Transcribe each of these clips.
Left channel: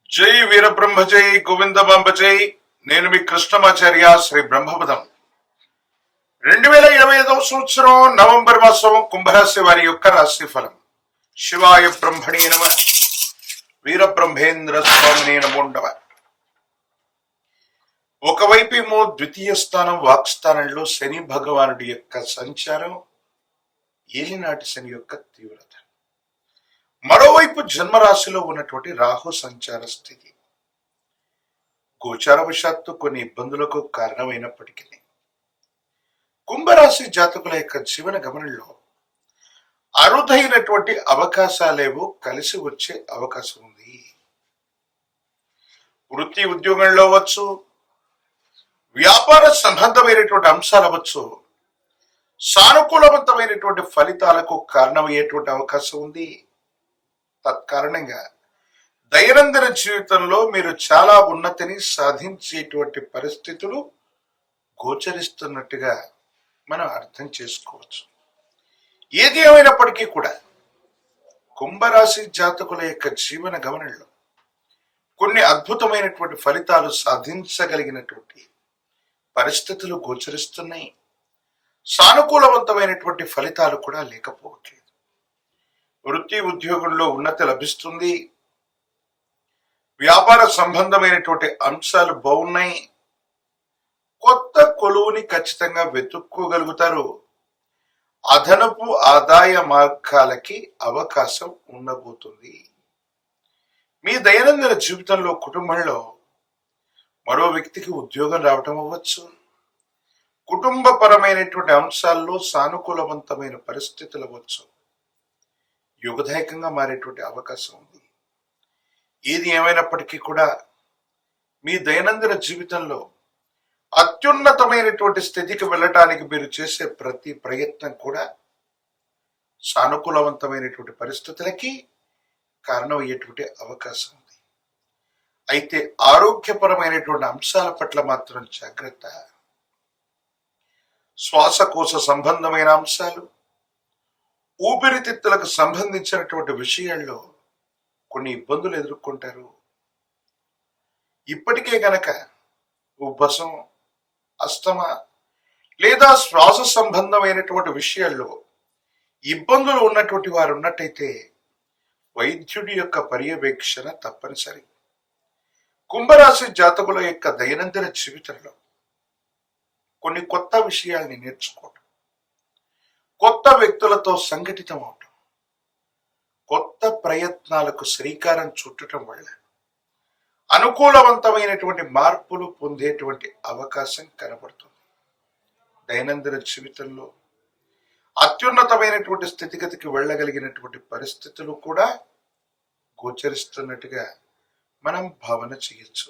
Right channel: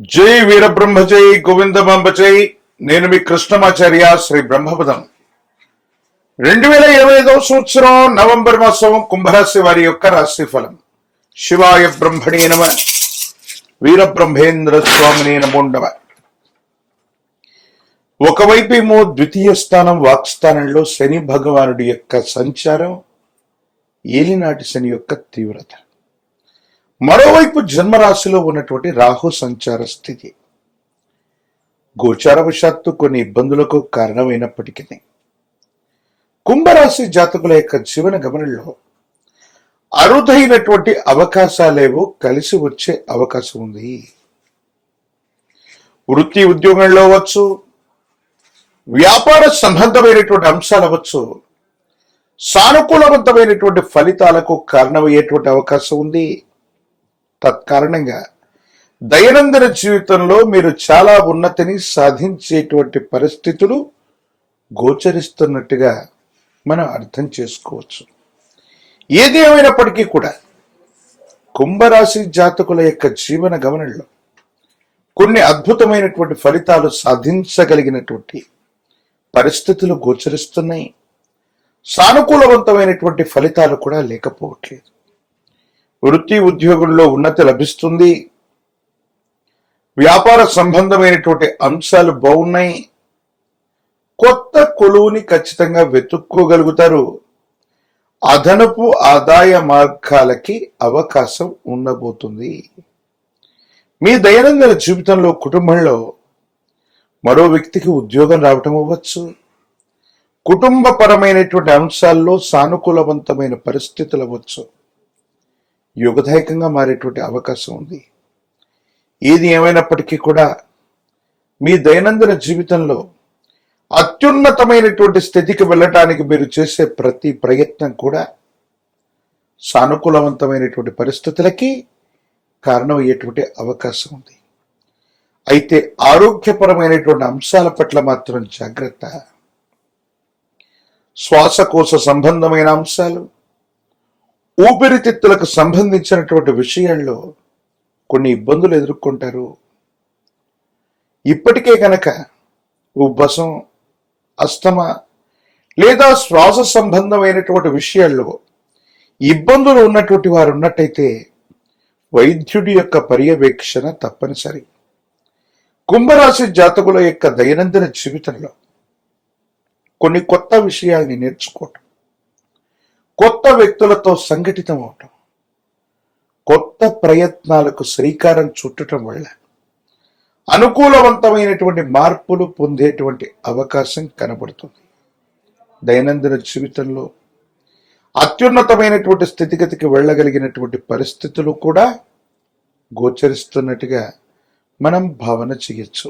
జై వీరబ్రహ్మజై గోవింద గోవిందమాంబ నేను మీ కృష్ణమాచార్య శ్రీ బ్రహ్మపదం. రెండు వేల ఇరవై ఐదవ సంవత్సరం నవంబర్ మాసం కుంభరాశి వారి యొక్క రాశి ఫలం శివాయ బ్రహ్మణి నమ. వీరబ్రహ్మేంద్ర స్వామిని నమోండవ ఒకవైపు ఏమో ద్వితీయ స్థానం వాక్స్థానంలో శని భగవానుడి యొక్క సంచారం ఏలినాటి శని యొక్క తీవ్రత. మరోవైపు జన్మరాశిలో ఉన్నటువంటి రాహు సంచార స్థితి. గోచారవశాత్తు కొన్ని ఇబ్బందులకు కారణమైనప్పటికీ కుంభరాశి జాతకుల యొక్క జీవన గమనంలో అరుదైనటువంటి అవకాశాలేవో కలిసి వచ్చే అవకాశం ఉంది. వృత్తి ఉద్యోగంలో అవ్వచ్చు వ్యాపార సంబంధమైనటువంటి అంశాలు అవ్వచ్చు సానుకూలవంతమైనటువంటి ఫలితాలకు కారణమయ్యేటువంటి అవకాశం ఉంది. తత్కారణంగా దైనందిన జీవితంలో మీరు చాలా ఉన్నతిని సాధించేటువంటి పరిస్థితులు గోచరిస్తున్నట్టుగా మనం అర్థం చేసుకోవచ్చు. ఏది ఏమైనప్పటికీ కూడా కుంభరాశి జాతకుల యొక్క జీవన గమనంలో కొన్ని అద్భుతమైనటువంటి ఫలితాలు సాధించగలిగినటువంటి పరిస్థితులు గోచరిస్తున్నాయి. సానుకూలవంతమైనటువంటి ఫలితాలు కూడా లేకపోవట్లేదు. వృత్తి ఉద్యోగుల్లో ఉన్నతి లభిస్తుంది. వ్యాపార సంబంధమైనటువంటి అంశాలు బాగున్నాయి. కొత్త కొలువుని ఖచ్చితంగా వెతుక్కోగలుగుతారు. అదనపు ఆదాయ మార్గాలకి అవకాశం ఉండబోతుంది. మీ దైనందిన జీవితంలో కుటుంబంలో మరో వ్యక్తికి ఉద్యోగం రావటం అవ్వచ్చు. కుటుంబపరమైనటువంటి అంశాల్లో సానుకూలవంతమైన పరిస్థితులు అవ్వచ్చు. యుగదాయకంగా మారేటువంటి అవకాశం ఉంది. ఏది ఏమైనప్పటికీ కూడా మీ దైనందిన జీవితంలో అత్యున్నతమైనటువంటి స్థితికి వెళ్ళటానికి మీరు చేసే ప్రతి ప్రయత్నం కూడా సానుకూలవంతమైనటువంటి పరిస్థితులకి కారణమయ్యేటువంటి అవకాశం ఉంది. అయితే ఆరోగ్యపరమైనటువంటి అంశాల పట్ల మాత్రం జాగ్రత్త. శ్వాసకోశ సంబంధమైన అంశాలు ఊపిరితిత్తులకు సంబంధించినటువంటి విషయాల్లో కొన్ని ఇబ్బందులు ఎదుర్కొంటారు. ఇప్పటికే కనుక ఉబ్బసం అస్తమ లేదా శ్వాస సంబంధమైనటువంటి విషయాల్లో ఇబ్బందులు ఉన్నటువంటి వారు ఉన్నట్టయితే వైద్యుడి యొక్క పర్యవేక్షణ తప్పనిసరి. కుంభరాశి జాతకుల యొక్క దైనందిన జీవితంలో కొన్ని కొత్త విషయాల్ని నేర్చుకోవటం. కొత్త వ్యక్తులతో సంఘటితం అవటం కొత్త ప్రయత్నాలకు శ్రీకారం చుట్టడం వల్ల అనుకూలవంతమైనటువంటి మార్పులు పొందేటువంటి అవకాశం కనబడుతుంది. దైనందిన జీవితంలో అత్యున్నతమైనటువంటి స్థితిగతికి వెళ్ళగలిగినటువంటి పరిస్థితులు కూడా గోచరిస్తున్నట్టుగా మనం భావన చేయొచ్చు.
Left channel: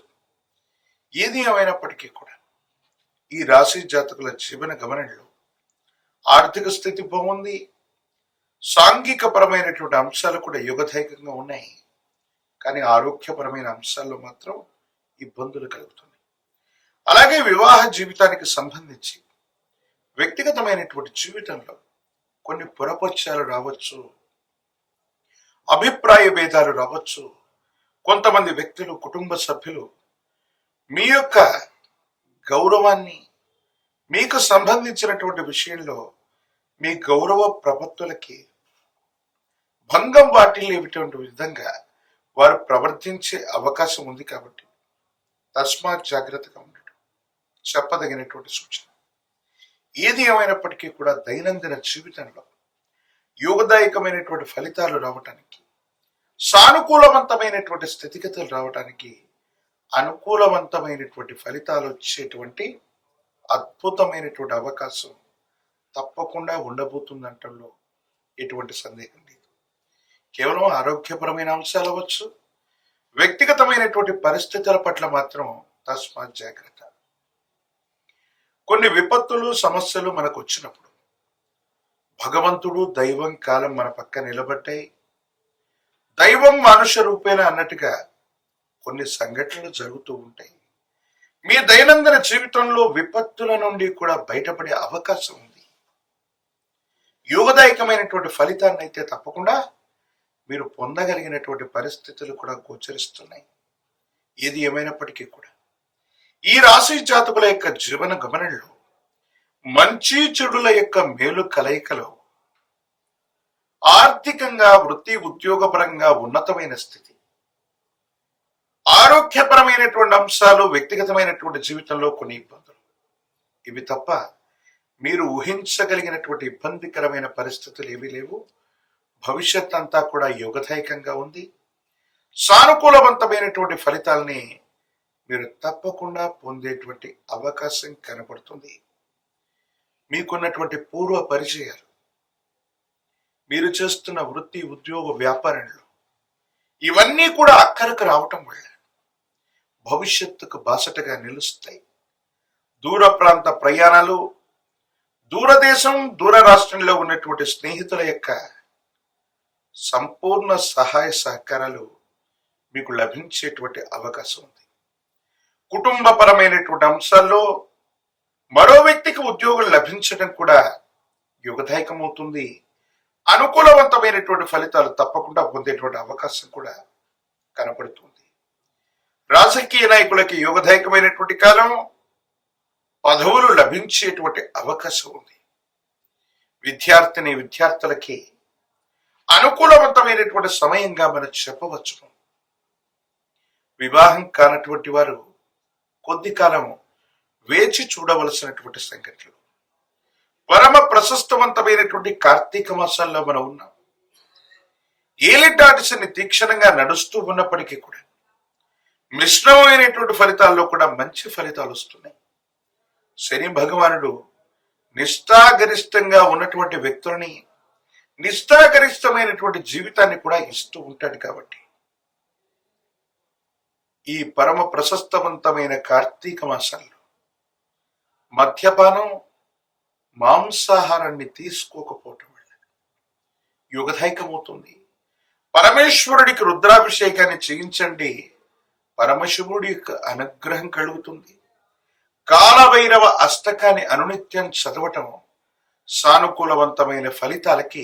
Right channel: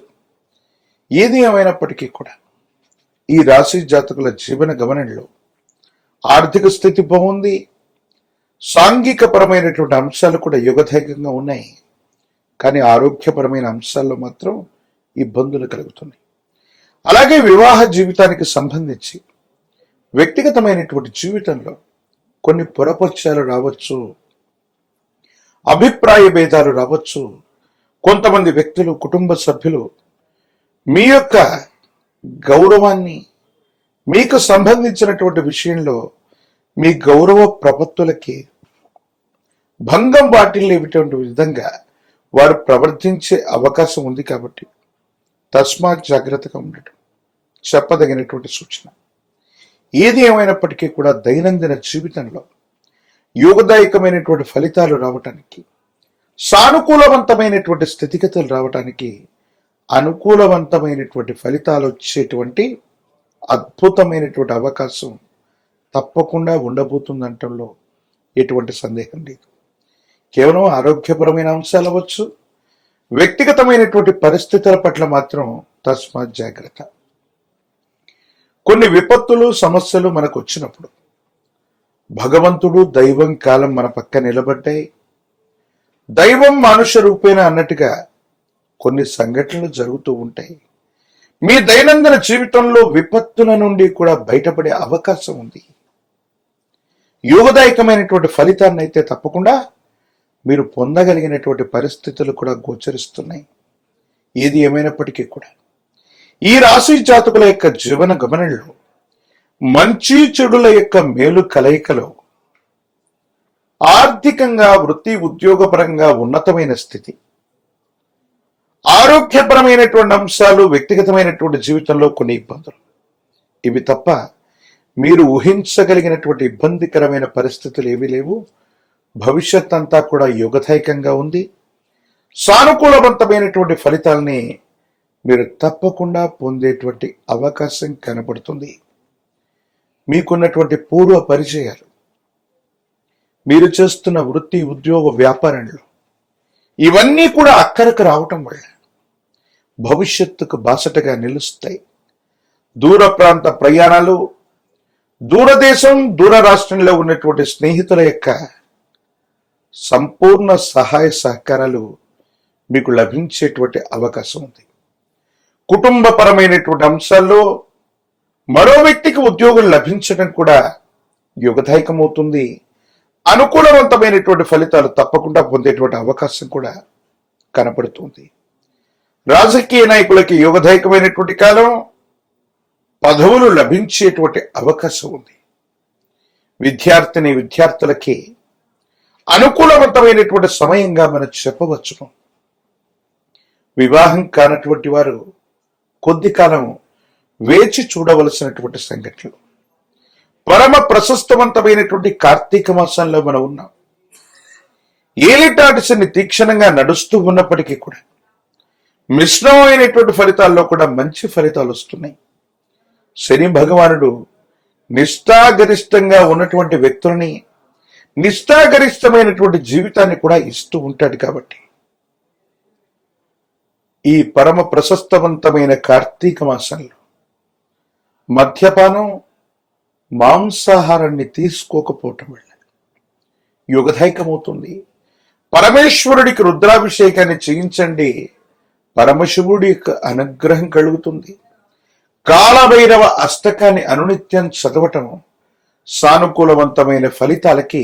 ఏది ఏమైనప్పటికీ కూడా ఈ రాశి జాతకుల జీవన గమనంలో ఆర్థిక స్థితి బాగుంది. సాంఘికపరమైనటువంటి అంశాలు కూడా యుగధైకంగా ఉన్నాయి. కానీ ఆరోగ్యపరమైన అంశాల్లో మాత్రం ఇబ్బందులు కలుగుతున్నాయి. అలాగే వివాహ జీవితానికి సంబంధించి వ్యక్తిగతమైనటువంటి జీవితంలో కొన్ని పొరపక్షాలు రావచ్చు అభిప్రాయ భేదాలు రావచ్చు. కొంతమంది వ్యక్తులు కుటుంబ సభ్యులు మీ యొక్క గౌరవాన్ని మీకు సంబంధించినటువంటి విషయంలో మీ గౌరవ ప్రపత్తులకి భంగం వాటిల్లేటువంటి విధంగా వారు ప్రవర్తించే అవకాశం ఉంది కాబట్టి తస్మాత్ జాగ్రత్తగా ఉండటం చెప్పదగినటువంటి సూచన. ఏది ఏమైనప్పటికీ కూడా దైనందిన జీవితంలో యోగదాయకమైనటువంటి ఫలితాలు రావటానికి సానుకూలవంతమైనటువంటి స్థితిగతులు రావటానికి అనుకూలవంతమైనటువంటి ఫలితాలు వచ్చేటువంటి అద్భుతమైనటువంటి అవకాశం తప్పకుండా ఉండబోతుందంటంలో ఎటువంటి సందేహం లేదు. కేవలం ఆరోగ్యపరమైన అంశాలు అవ్వచ్చు వ్యక్తిగతమైనటువంటి పరిస్థితుల పట్ల మాత్రం తస్మాత్ జాగ్రత్త. కొన్ని విపత్తులు సమస్యలు మనకు వచ్చినప్పుడు భగవంతుడు దైవం కాలం మన పక్క నిలబడ్డాయి. దైవం మనుష్య రూపేణ అన్నట్టుగా కొన్ని సంఘటనలు జరుగుతూ ఉంటాయి. మీ దైనందిన జీవితంలో విపత్తుల నుండి కూడా బయటపడే అవకాశం ఉంది. యోగదాయకమైనటువంటి ఫలితాన్ని అయితే తప్పకుండా మీరు పొందగలిగినటువంటి పరిస్థితులు కూడా గోచరిస్తున్నాయి. ఏది ఏమైనప్పటికీ కూడా. ఈ రాశి జాతకుల యొక్క జీవన గమనంలో మంచి చెడుల యొక్క మేలు కలయికలో ఆర్థికంగా వృత్తి ఉద్యోగపరంగా ఉన్నతమైన స్థితి ఆరోగ్యపరమైనటువంటి అంశాలు వ్యక్తిగతమైనటువంటి జీవితంలో కొన్ని ఇబ్బందులు. ఇవి తప్ప మీరు ఊహించగలిగినటువంటి ఇబ్బందికరమైన పరిస్థితులు ఏమీ లేవు. భవిష్యత్ అంతా కూడా యుగదాయకంగా ఉంది. సానుకూలవంతమైనటువంటి ఫలితాల్ని మీరు తప్పకుండా పొందేటువంటి అవకాశం కనబడుతుంది. మీకున్నటువంటి పూర్వ పరిచయాలు మీరు చేస్తున్న వృత్తి ఉద్యోగ వ్యాపారంలో ఇవన్నీ కూడా అక్కరకు రావటం వల్ల భవిష్యత్తుకు బాసటగా నిలుస్తాయి. దూర ప్రాంత ప్రయాణాలు దూరదేశం దూర రాష్ట్రంలో ఉన్నటువంటి స్నేహితుల యొక్క సంపూర్ణ సహాయ సహకారాలు మీకు లభించేటువంటి అవకాశం ఉంది. కుటుంబపరమైనటువంటి అంశాల్లో మరో వ్యక్తికి ఉద్యోగం లభించడం కూడా యుగదాయకమవుతుంది. అనుకూలవంతమైనటువంటి ఫలితాలు తప్పకుండా పొందేటువంటి అవకాశం కూడా కనపడుతుంది. రాజకీయ నాయకులకి యుగదాయకమైనటువంటి కాలం పదవులు లభించేటువంటి అవకాశం ఉంది. విద్యార్థిని విద్యార్థులకి అనుకూలవంతమైనటువంటి సమయంగా మనం చెప్పవచ్చును వివాహం కానటువంటి వారు కొద్ది కాలం వేచి చూడవలసినటువంటి సంఘటనలు. పరమ ప్రశస్తవంతమైనటువంటి కార్తీక మాసంలో మనం ఉన్నాం. ఏలిటాటిసిని తీక్షణంగా నడుస్తూ ఉన్నప్పటికీ కూడా మిశ్రమమైనటువంటి ఫలితాల్లో కూడా మంచి ఫలితాలు వస్తున్నాయి. శని భగవానుడు నిష్ఠాగరిష్టంగా ఉన్నటువంటి వ్యక్తుల్ని నిష్ఠాగరిష్టమైనటువంటి జీవితాన్ని కూడా ఇస్తూ ఉంటాడు కాబట్టి. ఈ పరమ ప్రశస్తవంతమైన కార్తీక మాసంలో మద్యపానం మాంసాహారాన్ని తీసుకోకపోవటం వల్ల యుగదాయకమవుతుంది. పరమేశ్వరుడికి రుద్రాభిషేకాన్ని చేయించండి. పరమశివుడి యొక్క అనుగ్రహం కలుగుతుంది. కాలభైరవ అష్టకాన్ని అనునిత్యం చదవటం సానుకూలవంతమైన ఫలితాలకి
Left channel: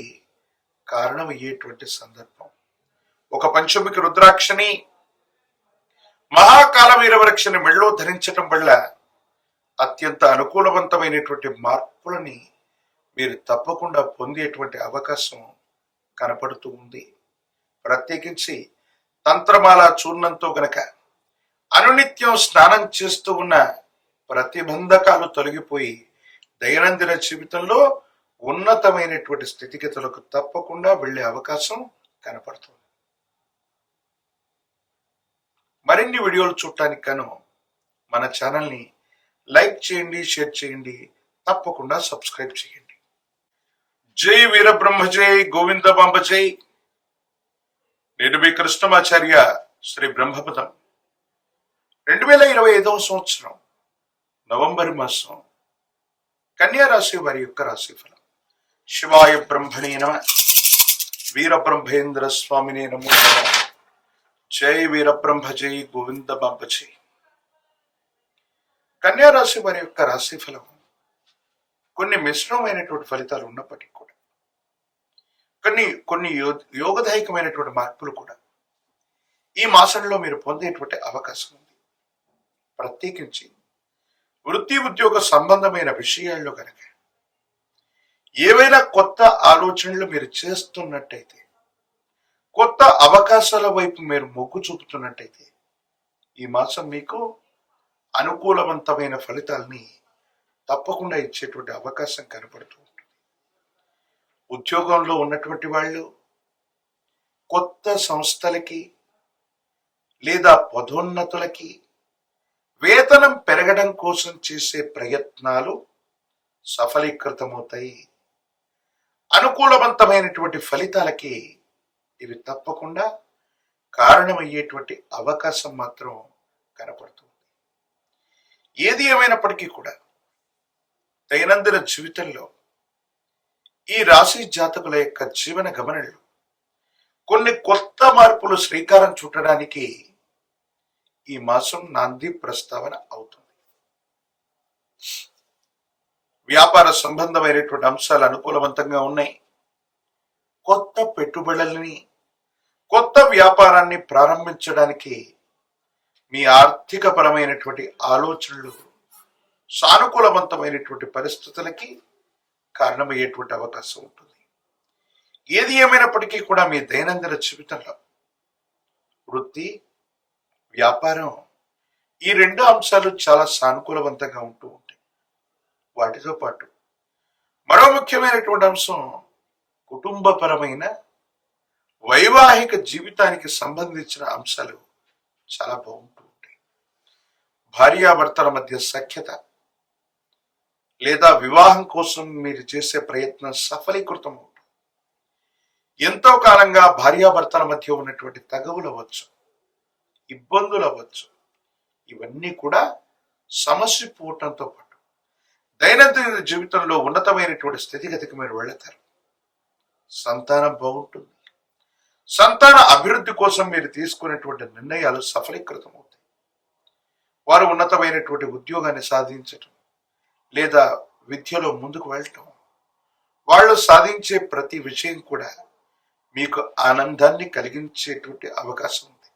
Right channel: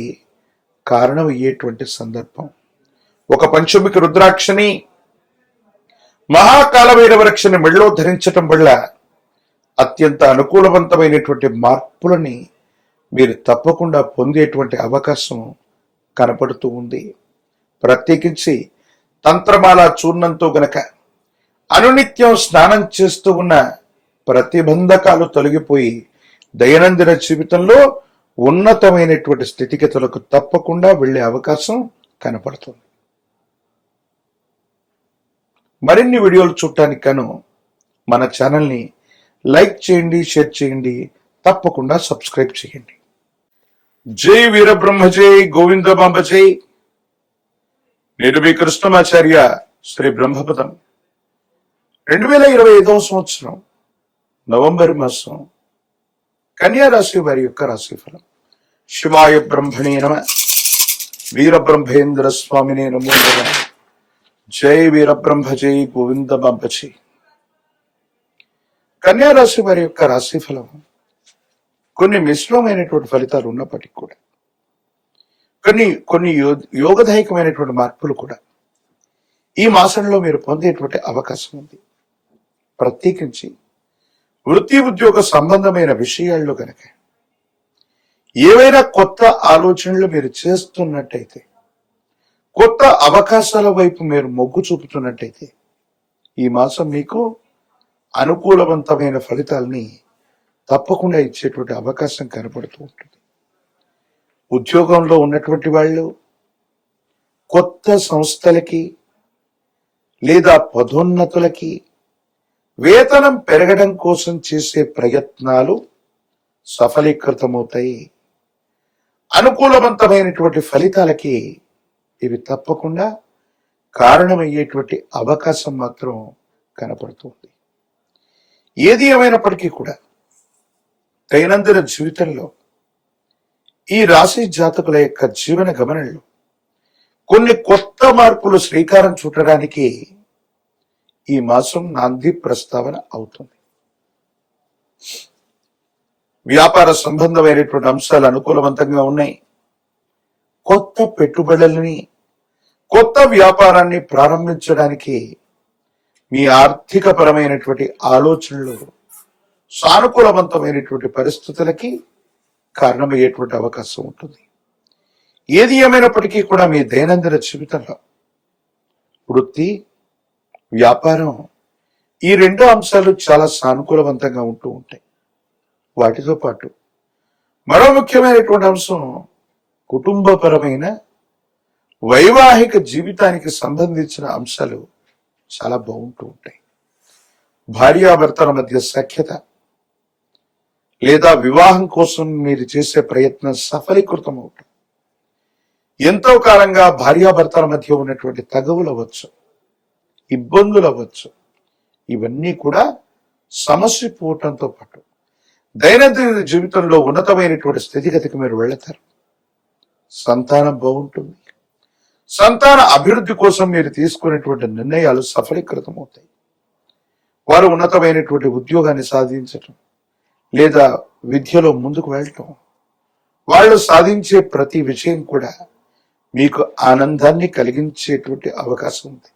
కారణమయ్యేటువంటి సందర్భం. ఒక పంచమిక రుద్రాక్షని మహాకాలభైరవ రక్షని మెళ్ళో ధరించటం వల్ల అత్యంత అనుకూలవంతమైనటువంటి మార్పులని మీరు తప్పకుండా పొందేటువంటి అవకాశం కనపడుతూ ఉంది. ప్రత్యేకించి తంత్రమాల చూర్ణంతో గనక అనునిత్యం స్నానం చేస్తూ ఉన్న ప్రతిబంధకాలు తొలగిపోయి దైనందిన జీవితంలో ఉన్నతమైనటువంటి స్థితిగతులకు తప్పకుండా వెళ్ళే అవకాశం కనపడుతుంది. మరిన్ని వీడియోలు చూడటానికి గాను మన ఛానల్ని లైక్ చేయండి షేర్ చేయండి తప్పకుండా సబ్స్క్రైబ్ చేయండి. జై వీరబ్రహ్మ జై గోవింద బాంబ జై. నేను మీ కృష్ణమాచార్య శ్రీ బ్రహ్మపదం. రెండు వేల ఇరవై ఐదవ సంవత్సరం నవంబర్ మాసం కన్యారాశి వారి యొక్క రాశి ఫలం. శివాయ బ్రహ్మణే నమ. వీరబ్రహ్మేంద్ర స్వామినే నమో నమ. జై వీరబ్రహ్మ జై గోవింద బాంబ కన్యారాశి వారి యొక్క రాశి ఫలం కొన్ని మిశ్రమమైనటువంటి ఫలితాలు ఉన్నప్పటికీ కూడా కొన్ని కొన్ని యో- యోగదాయకమైనటువంటి మార్పులు కూడా ఈ మాసంలో మీరు పొందేటువంటి అవకాశం ఉంది. ప్రత్యేకించి వృత్తి ఉద్యోగ సంబంధమైన విషయాల్లో కనుక ఏవైనా కొత్త ఆలోచనలు మీరు చేస్తున్నట్టయితే కొత్త అవకాశాల వైపు మీరు మొగ్గు చూపుతున్నట్టయితే ఈ మాసం మీకు అనుకూలవంతమైన ఫలితాల్ని తప్పకుండా ఇచ్చేటువంటి అవకాశం కనపడుతూ ఉంటుంది. ఉద్యోగంలో ఉన్నటువంటి వాళ్ళు కొత్త సంస్థలకి లేదా పదోన్నతులకి వేతనం పెరగడం కోసం చేసే ప్రయత్నాలు సఫలీకృతమవుతాయి. అనుకూలవంతమైనటువంటి ఫలితాలకి ఇవి తప్పకుండా కారణమయ్యేటువంటి అవకాశం మాత్రం కనపడుతుంది. ఏది ఏమైనప్పటికీ కూడా దైనందిన జీవితంలో ఈ రాశి జాతకుల యొక్క జీవన గమనంలో కొన్ని కొత్త మార్పులు శ్రీకారం చుట్టడానికి ఈ మాసం నాంది ప్రస్తావన అవుతుంది. వ్యాపార సంబంధమైనటువంటి అంశాలు అనుకూలవంతంగా ఉన్నాయి. కొత్త పెట్టుబడులని కొత్త వ్యాపారాన్ని ప్రారంభించడానికి మీ ఆర్థిక పరమైనటువంటి ఆలోచనలు సానుకూలవంతమైనటువంటి పరిస్థితులకి కారణమయ్యేటువంటి అవకాశం ఉంటుంది. ఏది ఏమైనప్పటికీ కూడా మీ దైనందిన జీవితంలో వృత్తి వ్యాపారం ఈ రెండు అంశాలు చాలా సానుకూలవంతంగా ఉంటూ ఉంటాయి. వాటితో పాటు మరో ముఖ్యమైనటువంటి అంశం కుటుంబపరమైన వైవాహిక జీవితానికి సంబంధించిన అంశాలు చాలా బాగుంటూ ఉంటాయి. భార్యాభర్తల మధ్య సఖ్యత లేదా వివాహం కోసం మీరు చేసే ప్రయత్నం సఫలీకృతం అవుతుంది. ఎంతో కాలంగా భార్యాభర్తల మధ్య ఉన్నటువంటి తగవులు అవ్వచ్చు. ఇబ్బందులు అవ్వచ్చు. ఇవన్నీ కూడా సమస్య పోవటంతో పాటు దైనందిన జీవితంలో ఉన్నతమైనటువంటి స్థితిగతికి మీరు వెళతారు. సంతానం బాగుంటుంది. సంతాన అభివృద్ధి కోసం మీరు తీసుకునేటువంటి నిర్ణయాలు సఫలీకృతం అవుతాయి వారు ఉన్నతమైనటువంటి ఉద్యోగాన్ని సాధించటం లేదా విద్యలో ముందుకు వెళ్ళటం వాళ్ళు సాధించే ప్రతి విషయం కూడా మీకు ఆనందాన్ని కలిగించేటువంటి అవకాశం ఉంది.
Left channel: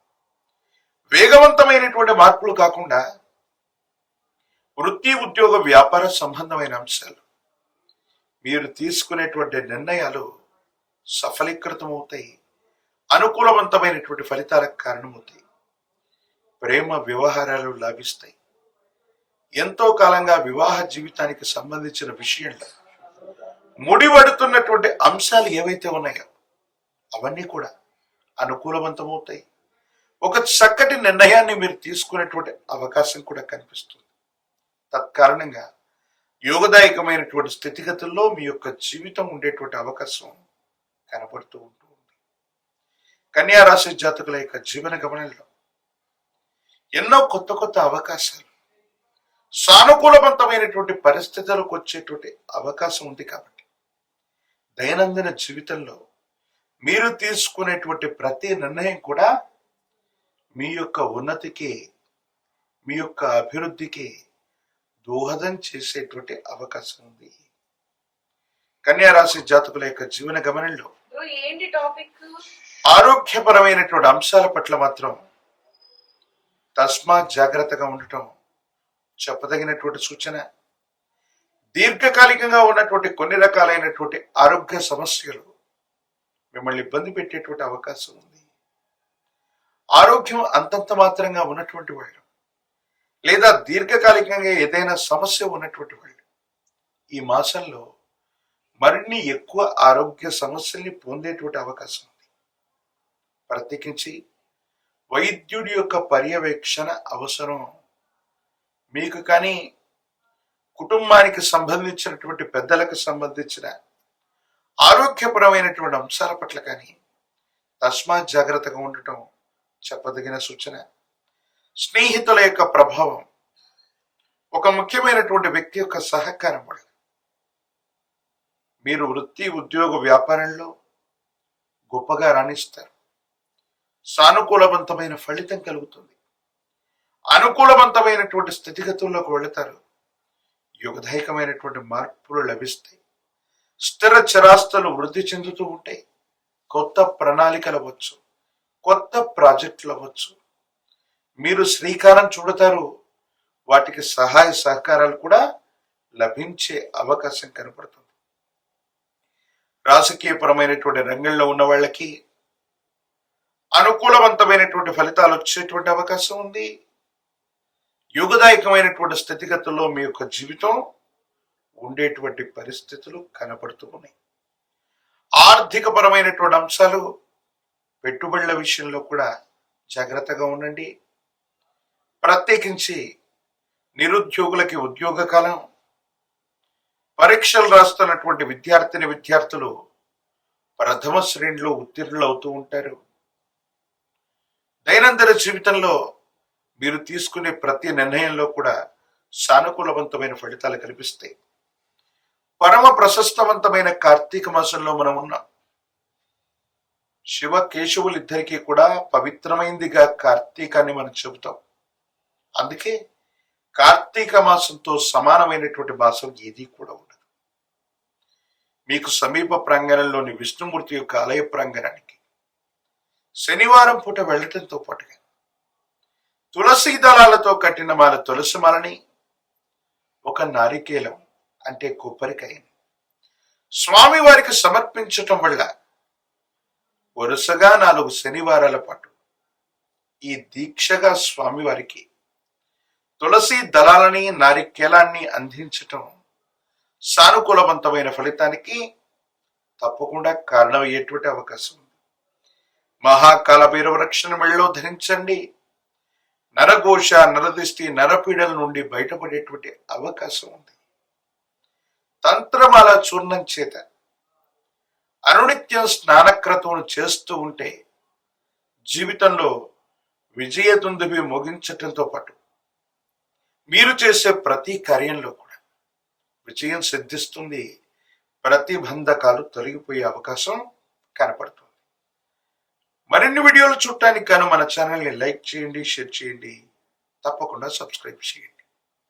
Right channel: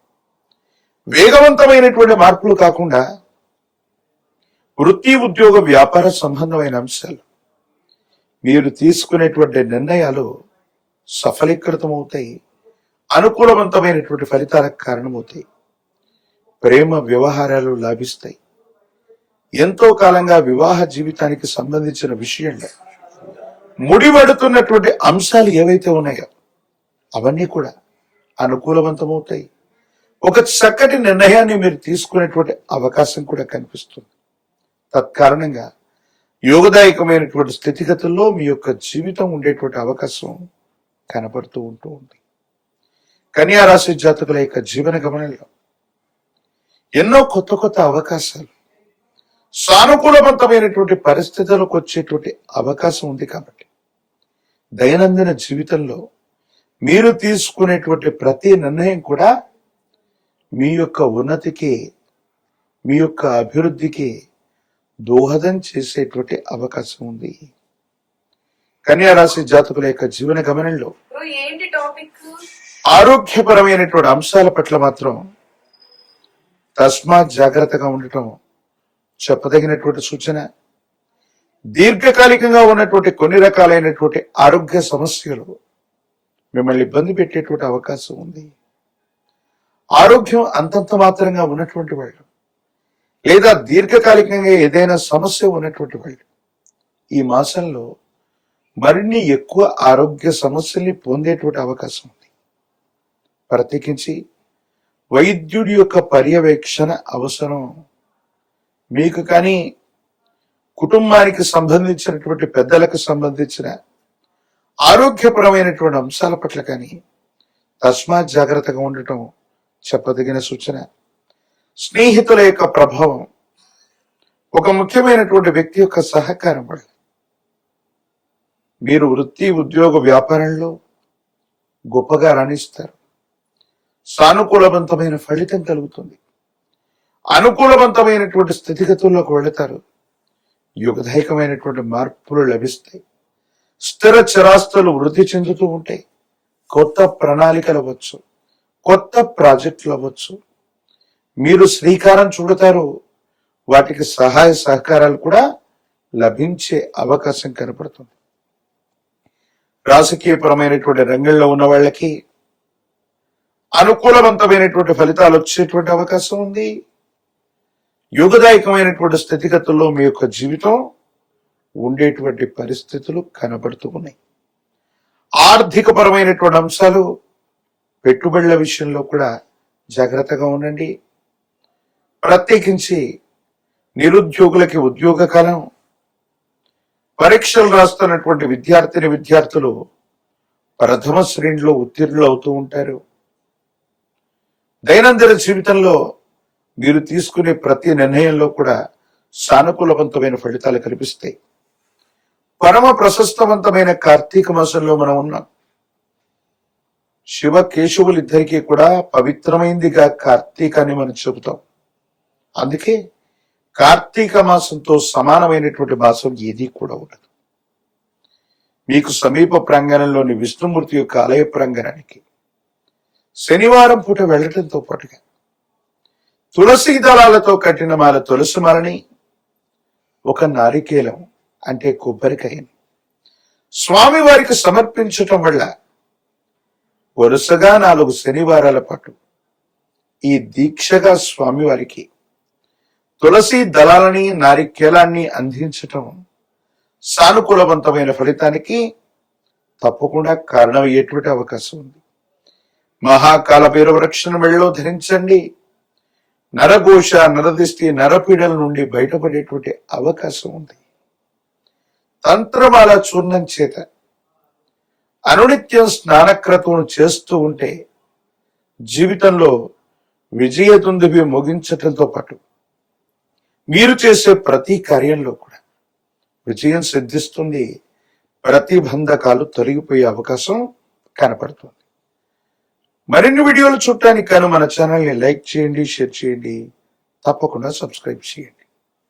వేగవంతమైనటువంటి మార్పులు కాకుండా వృత్తి ఉద్యోగ వ్యాపార సంబంధమైన అంశాలు. మీరు తీసుకునేటువంటి నిర్ణయాలు సఫలీకృతం అవుతాయి అనుకూలవంతమైనటువంటి ఫలితాలకు కారణమవుతాయి ప్రేమ వ్యవహారాలు లాభిస్తాయి. ఎంతో కాలంగా వివాహ జీవితానికి సంబంధించిన విషయంలో ముడిపడుతున్నటువంటి అంశాలు ఏవైతే ఉన్నాయో అవన్నీ కూడా అనుకూలవంతమవుతాయి. ఒక చక్కటి నిర్ణయాన్ని మీరు తీసుకునేటువంటి అవకాశం కూడా కనిపిస్తుంది. తత్కారణంగా యోగదాయకమైనటువంటి స్థితిగతుల్లో మీ యొక్క జీవితం ఉండేటువంటి అవకాశం కనపడుతూ ఉంటూ ఉంది. కన్యా రాశి జాతకుల యొక్క జీవన గమనంలో ఎన్నో కొత్త కొత్త అవకాశాలు సానుకూలవంతమైనటువంటి పరిస్థితులకు వచ్చేటువంటి అవకాశం ఉంది కాబట్టి దైనందిన జీవితంలో మీరు తీసుకునేటువంటి ప్రతి నిర్ణయం కూడా మీ యొక్క ఉన్నతికి మీ యొక్క అభివృద్ధికి దోహదం చేసేటువంటి అవకాశం ఉంది. కన్యా రాశి జాతకుల యొక్క జీవన గమనంలో ఆరోగ్యపరమైనటువంటి అంశాల పట్ల మాత్రం తస్మాత్ జాగ్రత్తగా ఉండటం చెప్పదగినటువంటి సూచన. దీర్ఘకాలికంగా ఉన్నటువంటి కొన్ని రకాలైనటువంటి ఆరోగ్య సమస్యలు మిమ్మల్ని ఇబ్బంది పెట్టేటువంటి అవకాశం ఉంది. ఆరోగ్యం అంతంత మాత్రంగా ఉన్నటువంటి వాళ్ళు లేదా దీర్ఘకాలికంగా ఏదైనా సమస్య ఉన్నటువంటి వాళ్ళు ఈ మాసంలో మరిన్ని ఎక్కువ ఆరోగ్య సమస్యల్ని పొందేటువంటి అవకాశం ఉంది. ప్రత్యేకించి వైద్యుడి యొక్క పర్యవేక్షణ అవసరం. మీకు కానీ కుటుంబానికి సంబంధించినటువంటి పెద్దలకు సంబంధించిన ఆరోగ్యపరమైనటువంటి అంశాల పట్ల కానీ తస్మాత్ జాగ్రత్తగా ఉండటం చెప్పదగిన సూచన. స్నేహితుల యొక్క ప్రభావం. ఒక ముఖ్యమైనటువంటి వ్యక్తి యొక్క సహకారం వల్ల. మీరు వృత్తి ఉద్యోగ వ్యాపారంలో గొప్పగా రాణిస్తారు. సానుకూలవంతమైన ఫలితం కలుగుతుంది. అనుకూలవంతమైనటువంటి స్థితిగతుల్లోకి వెళతారు. యుగదాయకమైనటువంటి మార్పులు లభిస్తాయి. స్థిర చరాస్తులు వృద్ధి చెందుతూ ఉంటాయి. కొత్త ప్రణాళికలు వచ్చు కొత్త ప్రాజెక్టులు అవ్వచ్చు. మీరు శ్రీకారం చూడతారు. వాటికి సహాయ సహకారాలు కూడా లభించే అవకాశం కనపడుతుంది. రాజకీయపరమైనటువంటి రంగంలో ఉన్న వాళ్ళకి అనుకూలవంతమైనటువంటి ఫలితాలు వచ్చేటువంటి అవకాశం ఉంది. యుగదాయకమైనటువంటి స్థితిగతుల్లో మీ యొక్క జీవితం ఉండేటువంటి పరిస్థితులు కనబడుతూ ఉన్నాయి. ఆర్థిక పరమైనటువంటి అంశాలు పెట్టుబడుల విషయంలో కూడా జాగ్రత్తగా ఉండండి. ప్రత్యేకించి నిరుద్యోగులకి ఉద్యోగ కాలం పరీక్షలు రాస్తున్నటువంటి విద్యార్థిని విద్యార్థులు ప్రథమ శ్రేణిలో ఉత్తీర్ణులు అవుతూ ఉంటారు. దైనందిన జీవితంలో మీరు తీసుకునే ప్రతి నిర్ణయంలో కూడా సానుకూలవంతమైన ఫలితాలు కనిపిస్తాయి. పరమ ప్రశస్తవంతమైన కార్తీక మాసంలో మనం ఉన్నాం. శివ కేశవులు ఇద్దరికీ కూడా పవిత్రమైందిగా కార్తీకాన్ని మనం చెబుతాం. అందుకే కార్తీక మాసంతో సమానమైనటువంటి మాసం ఏదీ కూడా ఉండదు. మీకు సమీప ప్రాంగణంలోని విష్ణుమూర్తి యొక్క ఆలయ ప్రాంగణానికి శనివారం పూట వెళ్ళటంతో పాటుగా తులసి దళాలతో కట్టిన మాల తులసి మాలని ఒక నారికేలం అంటే కొబ్బరికాయని స్వామి వారికి సమర్పించటం వల్ల వరుసగా నాలుగు శనివారాల పాటు ఈ దీక్షగా స్వామివారికి తులసి దళాలని నారికేలాన్ని అందించటం సానుకూలవంతమైన ఫలితానికి తప్పకుండా కారణమయ్యేటువంటి అవకాశం ఉంది. మహాకాల భైరవ రక్షణ మెళ్ళలో ధరించండి. నరఘోష నరదిష్టి నరపీడల నుండి బయటపడేటువంటి అవకాశం ఉంది. తంత్రమాల చూర్ణం చేత అనునిత్యం స్నానక్రతువును చేస్తూ ఉంటే జీవితంలో విజయదుందుబి ముగించటంతో పాటు మీరు చేసే ప్రతి కార్యంలో కూడా విజయం సిద్ధిస్తుంది ప్రతిబంధకాలు తొలగిపోయే అవకాశం కనపడుతుంది. మరిన్ని వీడియోలు చూడటానికి కాను మన ఛానల్ని లైక్ చేయండి షేర్ చేయండి తప్పకుండా సబ్స్క్రైబ్ చేయండి.